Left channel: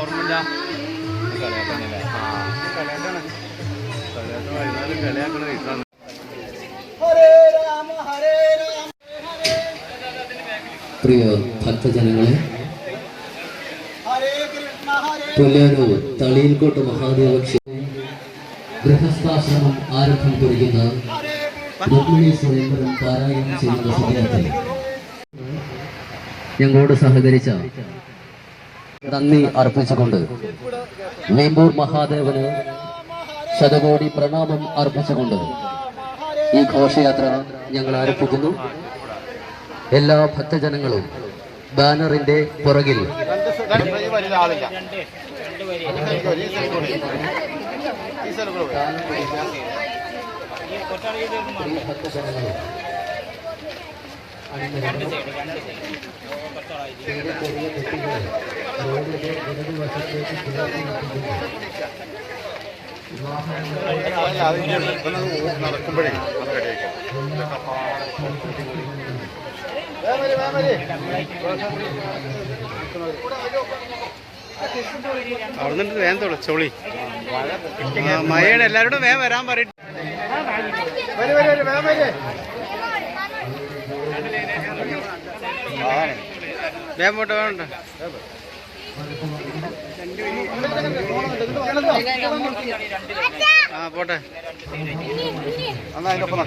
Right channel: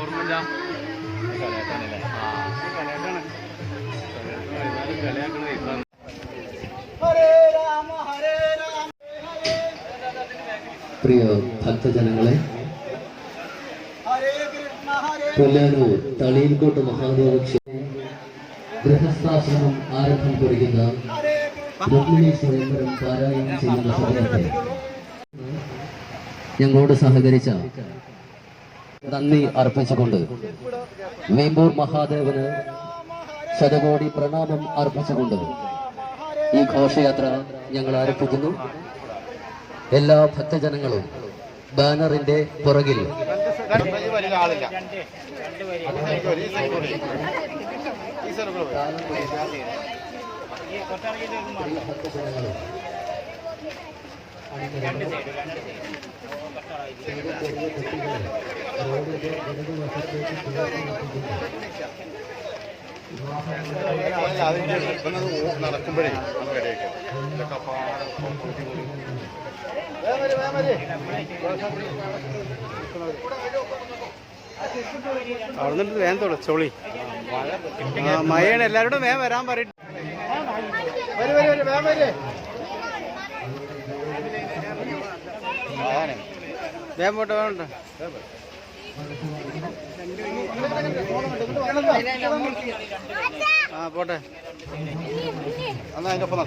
ഓർമ്മയില്ല. പ്രിയ ഭക്തജനങ്ങളെ, പുല്ലൂർ തളിയിൽക്കോട്ട് മഹാദേവ ഗൃഹസ്ഥാശ്രമം ആരംഭം കുറിക്കുന്ന രുക്മിണി സ്വയംവരം പാരായണം ചെയ്യുന്ന സമയത്ത് ഞങ്ങളോട് സഹകരിച്ച നന്ദി അർപ്പിച്ചുകൊണ്ട് വേമ്പൂർ മഹാദേവന് ശതകോടി പ്രണാമം അർപ്പിച്ചുകൊണ്ട് ഈ ഘോഷയാത്ര ഞങ്ങൾ ആരംഭിക്കുന്നു. എല്ലാ ഭക്തജനങ്ങളും ബാനറിന്റെ പുറകിൽ നടക്കുമ്പോഴേ അവിടെ നിന്നിട്ട് വേഗം തുടച്ചോളി. മഴയാണ്, എല്ലാവരോടും വേഗം വരാൻ പറയും. വേഗം പോട്ടെ, വേണ്ട ആ പോട്ടെ. എന്നാ അതിനൊപ്പം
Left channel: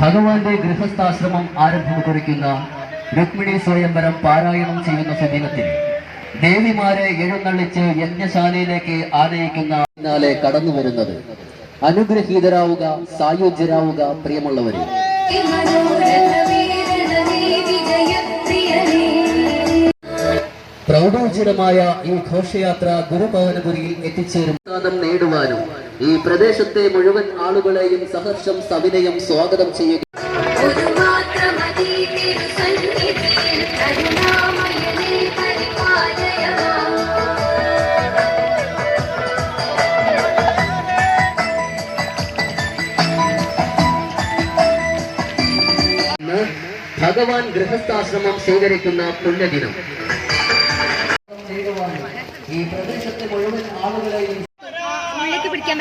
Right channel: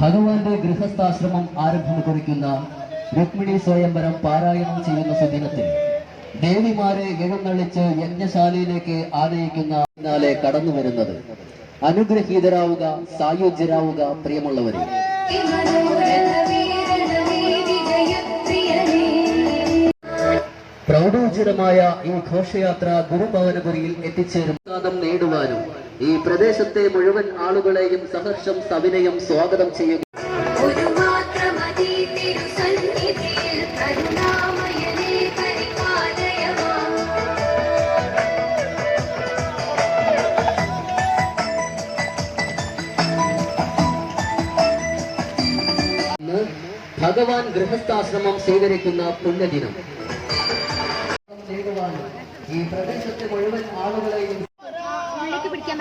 ഭഗവാന്റെ ഗൃഹസ്ഥാശ്രമം ആരംഭം കുറിക്കുന്ന രുക്മിണി സ്വയംവരം പാരായണം ചെയ്യുന്ന സുദിനത്തിൽ ദേവിമാരെ എഴുന്നള്ളിച്ച് യജ്ഞശാലയിലേക്ക് ആനയിക്കുന്ന പിന്നാലെ കടന്നു വരുന്നത് അനുഗ്രഹീതരാവുക, സായുജ്യരാവുക പ്രിയമുള്ളവരെ. പ്രൗഢോജ്വലമായ ഈ ഘോഷയാത്ര ഗുരുഭവനപുരിയിൽ എത്തിച്ചേരും നേടുവാനും ഈ പ്രദേശത്തെ മുഴുവൻ ആളുകളെയും സഹർഷം സവിനയം സ്വാഗതം ചെയ്യുക. ഭഗവാൻ ഗൃഹസ്ഥാശ്രമം സ്വീകരിക്കുന്ന പുണ്യദിനം ഈ പ്രദേശത്തെ മുഴുവൻ ആളുകളെയും പിടിക്കാൻ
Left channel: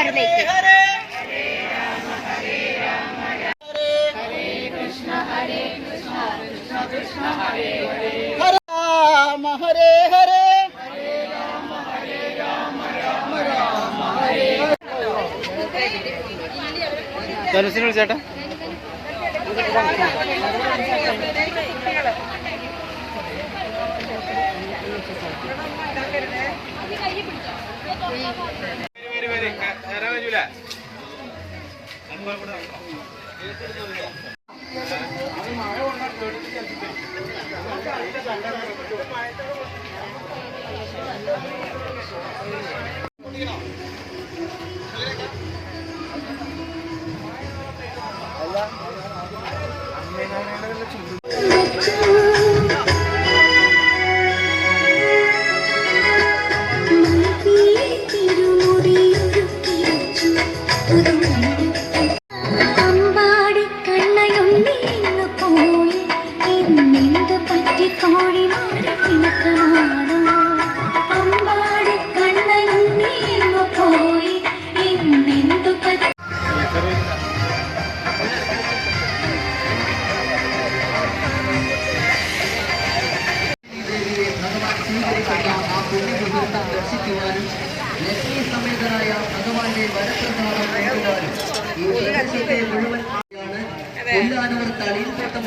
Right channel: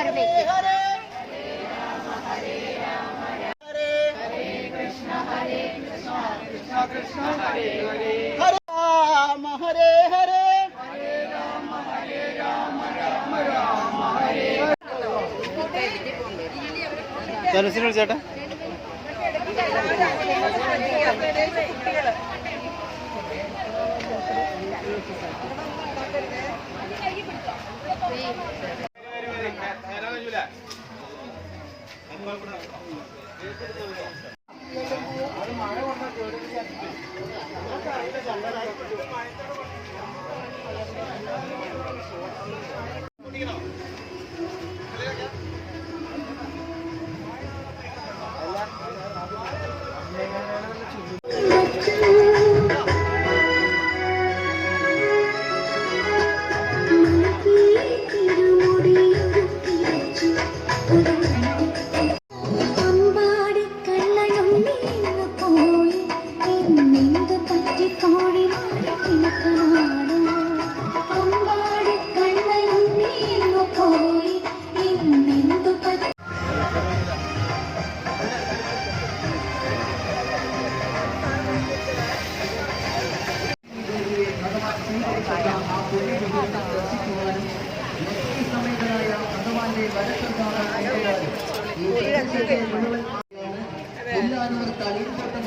ചേട്ടാ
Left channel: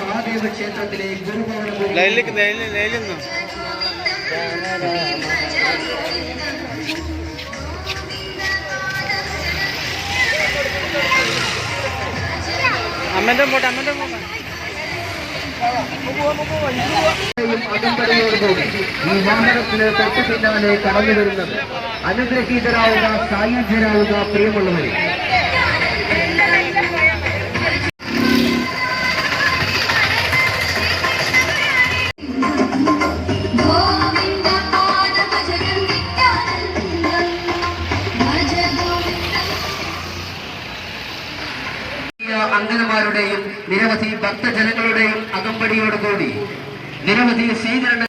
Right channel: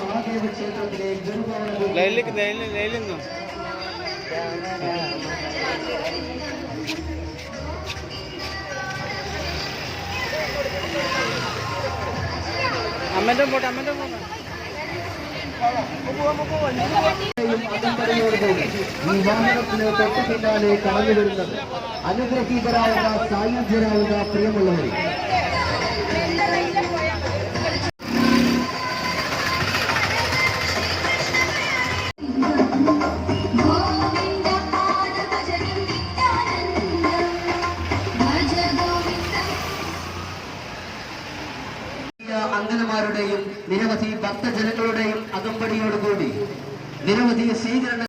മഹാദേവ ക്ഷേത്രത്തിലെ അമ്മന്റെ പോട്ടെ അകമ്പടിയോടുകൂടി ഈ വാഹനത്തിന് തൊട്ടു പിന്നാലെ കടന്നു വരുന്നത് അനുഗ്രഹീതരാവുക, സായുജ്യരാവുക പ്രിയമുള്ളവരെ. അംഗനമാരുടെയും നിരവധി ഭക്തജനങ്ങളുടെയും അകമ്പടിയോടുകൂടി നിരവധി സ്വീകരണ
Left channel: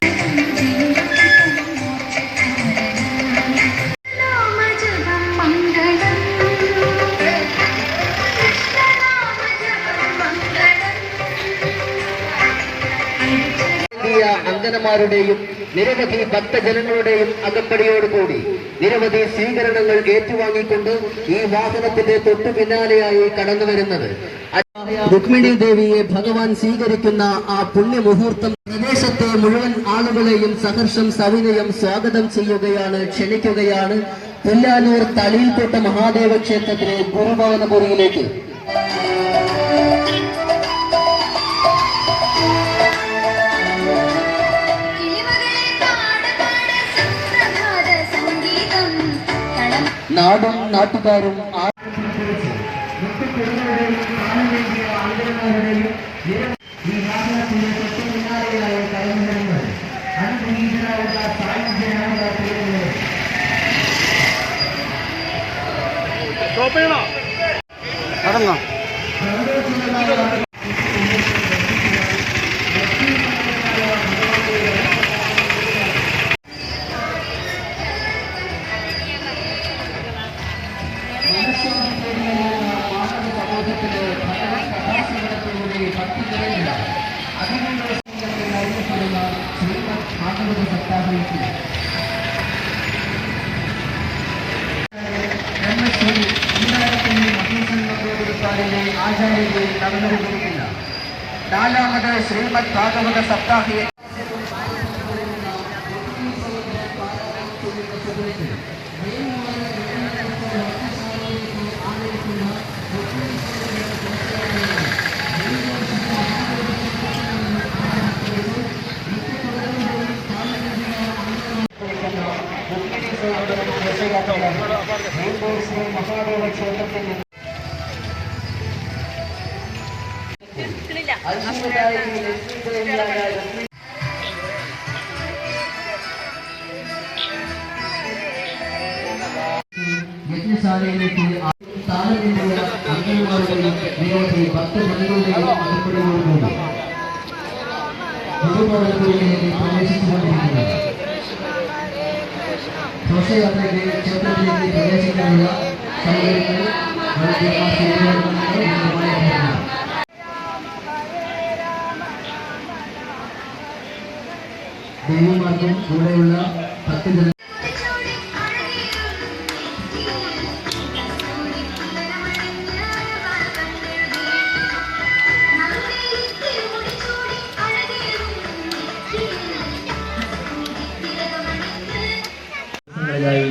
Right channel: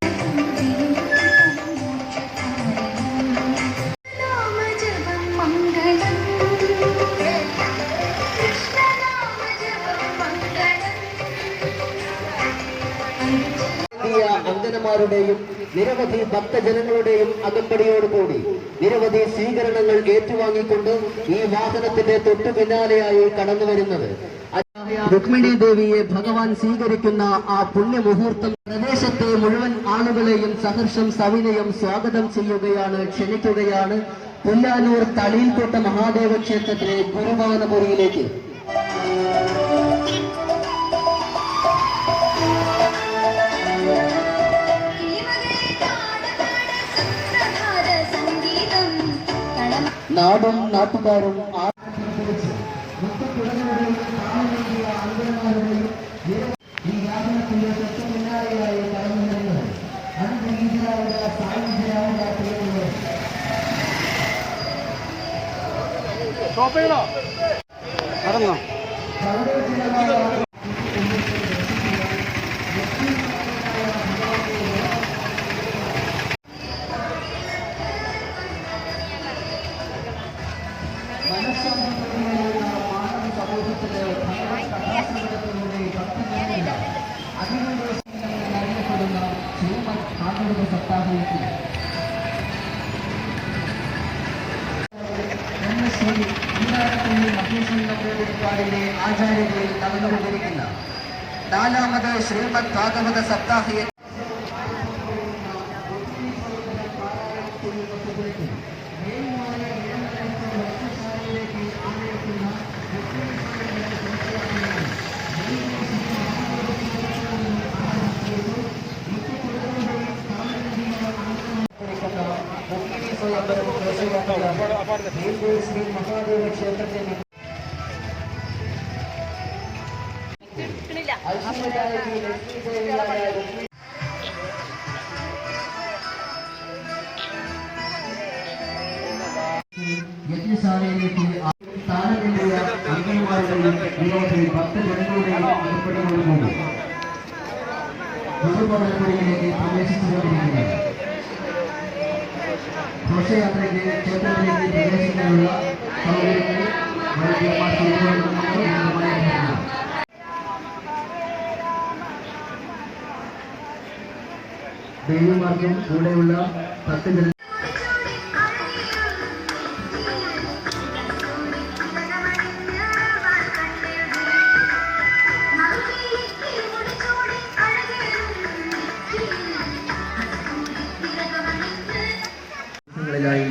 അംഗനമാരുടെയും നിരവധി ഭക്തജനങ്ങളുടെയും അകമ്പടിയോടുകൂടി നിരവധി സ്വീകരണങ്ങൾ ഏറ്റുവാങ്ങിക്കൊണ്ട് ഈ വാഹനത്തിന്റെ തൊട്ടു പിന്നാലെയായി കടന്നു വരുന്നത് രുക്മിണി ദേവിയെ ഭഗവാൻ സ്വീകരിക്കുന്ന ആ പുണ്യമുഹൂർത്തം പ്രദേശത്തെ മുഴുവൻ ആളുകളെയും സഹർഷം സവിനയം സ്വാഗതം ചെയ്യുകയാണ്, ക്ഷണിക്കുകയാണ് പുല്ലാനൂർ തളിയിൽക്കോട്ട മഹാദേവ ക്ഷേത്രത്തിലെ ഗുരുഭവനപുരിയിലേക്ക്. നാടും നാട്ടുകാരും നടന്നോ? ആചാര്യയിൽ നടന്നുകൊണ്ടിരിക്കുന്ന 4ാമത് ശ്രീമദ് ഭാഗവത സപ്താഹയെ മഹാദേവ ക്ഷേത്രത്തിൽ യജ്ഞശാലയിലേക്ക് താരതമ്യ അംഗന്മാരുടെയും നിരവധി ഭക്തജനങ്ങളുടെയും അകമ്പടിയോടുകൂടി ഗുരുഭവനപുരിയിലേക്ക് പ്രവേശിച്ചുകൊണ്ടിരിക്കുന്നു. ഘോഷയാത്രയ്ക്ക് ക്ഷേത്രത്തിലേക്ക് പ്രവേശിക്കാനുള്ള സൗകര്യങ്ങൾ ദേവിമാർക്കും കൂടെയുള്ള ഭക്തജന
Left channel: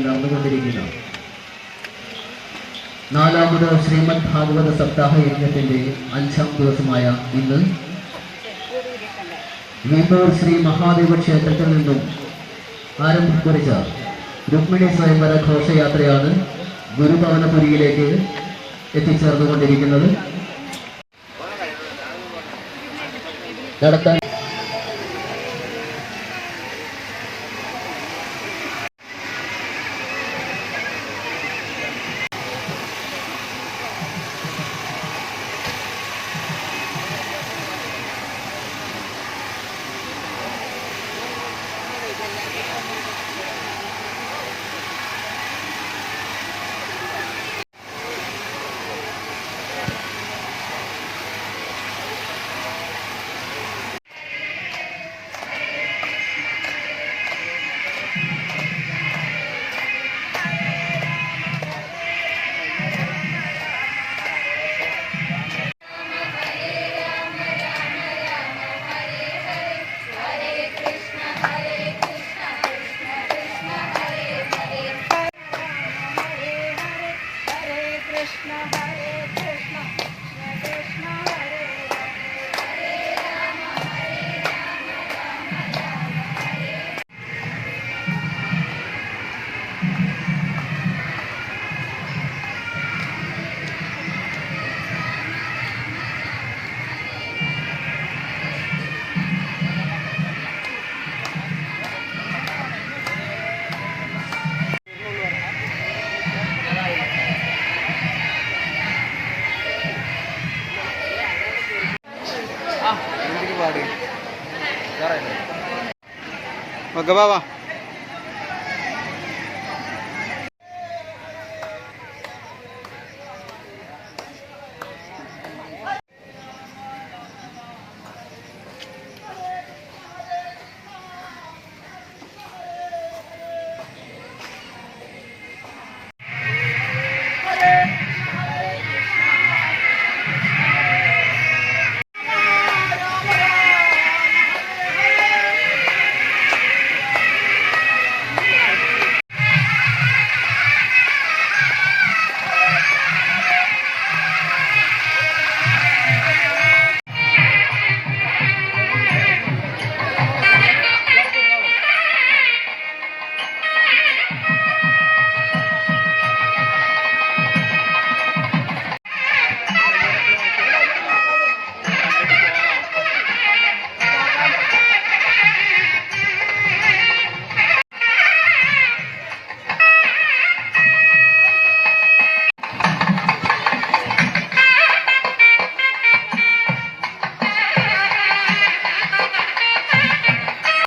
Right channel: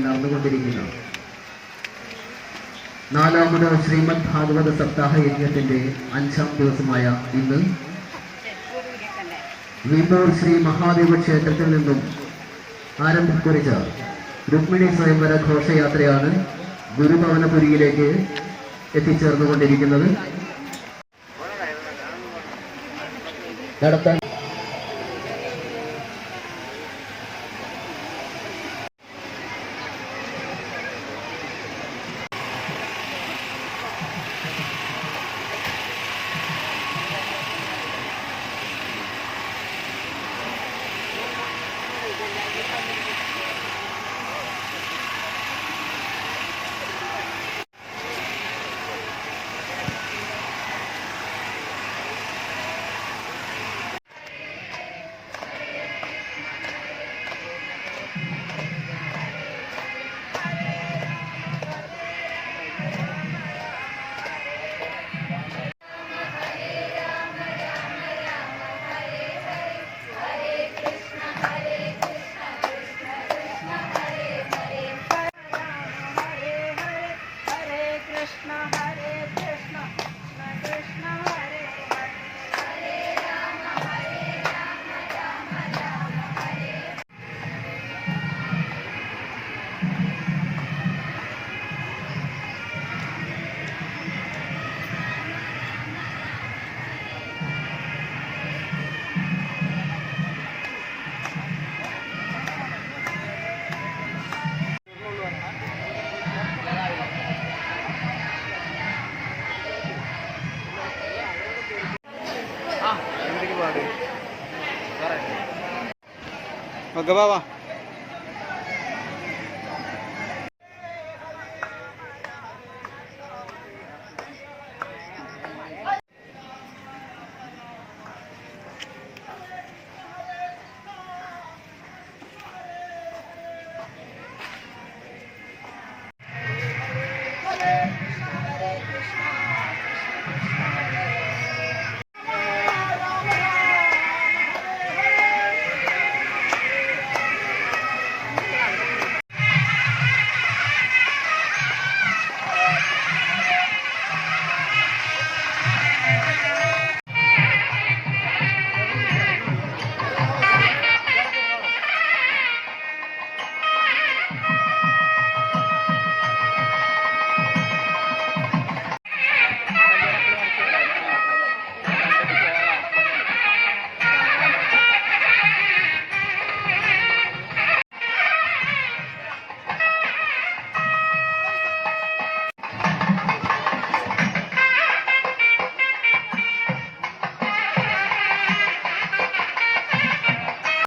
നടന്നുകൊണ്ടിരിക്കുന്നു. 4ാമത് ശ്രീമദ് ഭാഗവത സപ്താഹ യജ്ഞത്തിന്റെ 5ാം ദിവസമായ ഇന്ന് വീമ്പൂർ ശ്രീ മഹാദേവ ക്ഷേത്രത്തിൽ നിന്നും ആരംഭം കുറിച്ച രുക്മിണി സ്വയംവര ഘോഷയാത്രയാണ് ഗുരുഭവനപുരിയിലേക്ക് എത്തിച്ചേർന്നുകൊണ്ടിരിക്കുന്നത്. നടത്താൻ ഓക്കെ വാ